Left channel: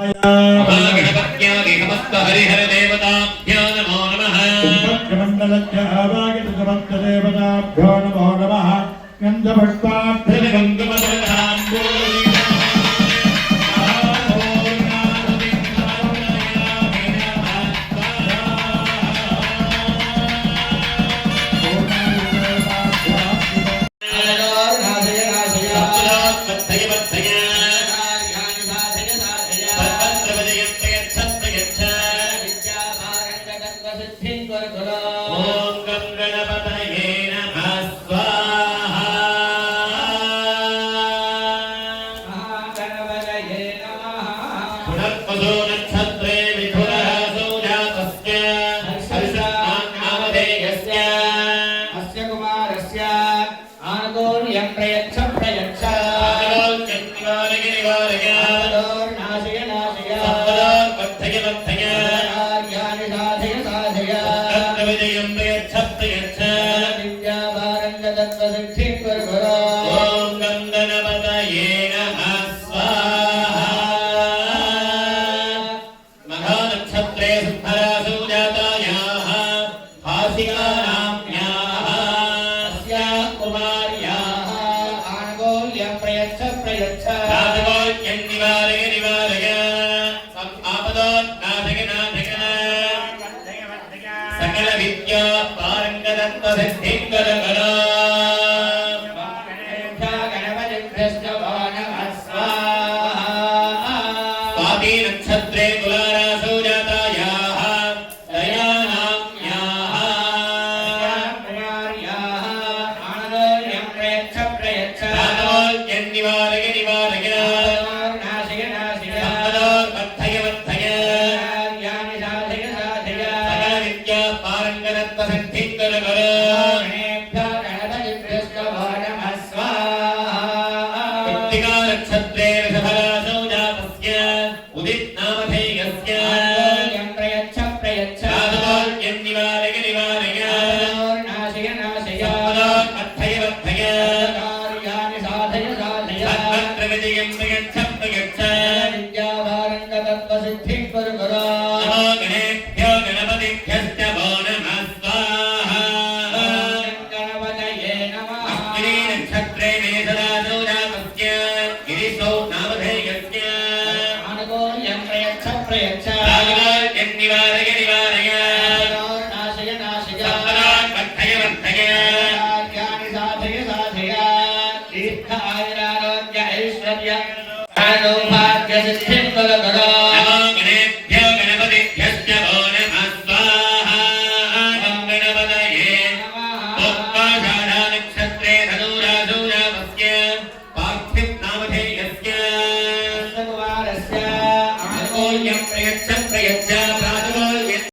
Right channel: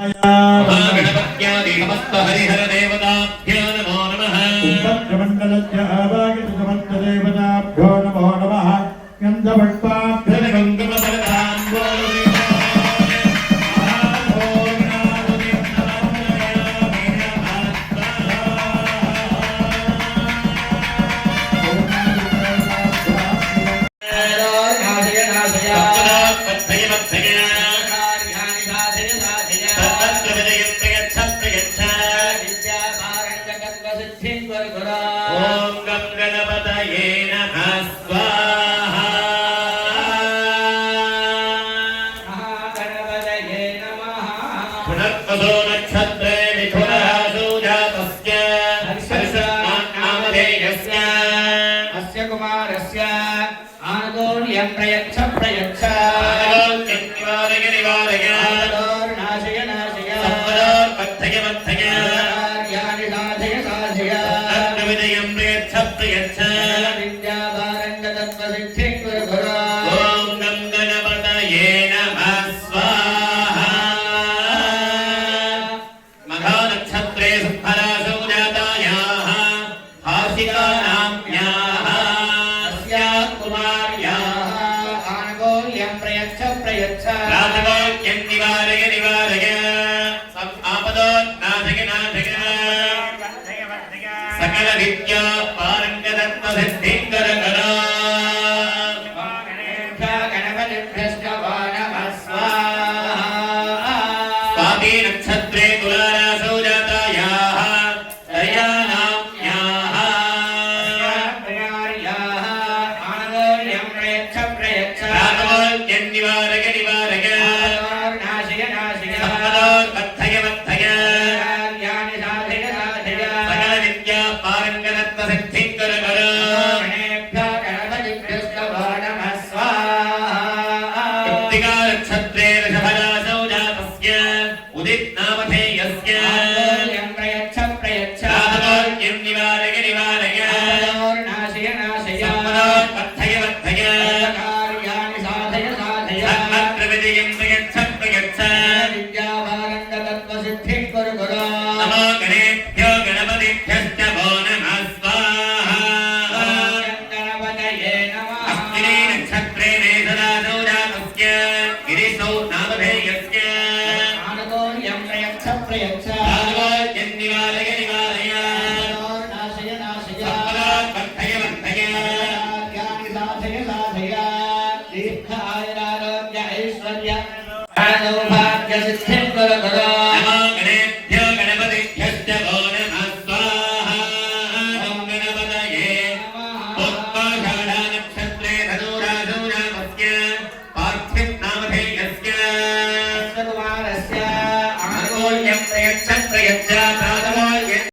गणपत्यादि समस्त हरिहर देवताभ्यो नमो नमः। उपक्रमण्डलस्य आवागित समस्त देवताभ्यो नमो नमः। सकल विद्या पारंगतत्व सिद्धिकर करा स्वाति नक्षत्रे तुलारासौ जातायाः दयानाम्याः आनन्दोल्यं प्रयच्छ प्रयच्छ रागोल्यं निवारय निवारय नाशय नाशय सम्पदोत्पत्तय वत्तय सिद्धिकर करो नक्षत्रे ऋषभरासौ जातस्य उदित नामधेयस्य प्रयच्छ प्रयच्छ रागोल्यं निवारय निवारय नाशय नाशय सम्पदोत्पत्तय वत्तय कार्याणि साधय साधय सर्वत्र विजयं प्रयच्छ प्रयच्छ विद्यावारण्यतत्त्व सिद्धिकर करो नमो गणेभ्यो गणपतिभ्यश्च वो नमः स्वाहा गणपतये नमः अग्नि नक्षत्रे मेषरासौ जातस्य गिरिशौ नामधेयस्य आनन्दोल्यं प्रयच्छ प्रयच्छ रागोल्यं निवारय निवारय नाशय नाशय सम्पदोत्पत्तय वत्तय कार्याणि साधय साधय दीर्घ आयुरारोग्य ऐश्वर्य सौभाग्य सिद्धिकर करो नमो गणेभ्यो गणपतिभ्यश्च वो नमः स्वाहा गणपतये उत्पाषाढा नक्षत्रे धनुरासौ जातस्य पार्थिव नामधेयस्य कुमारस्य आनन्दोल्यं प्रयच्छ प्रयच्छ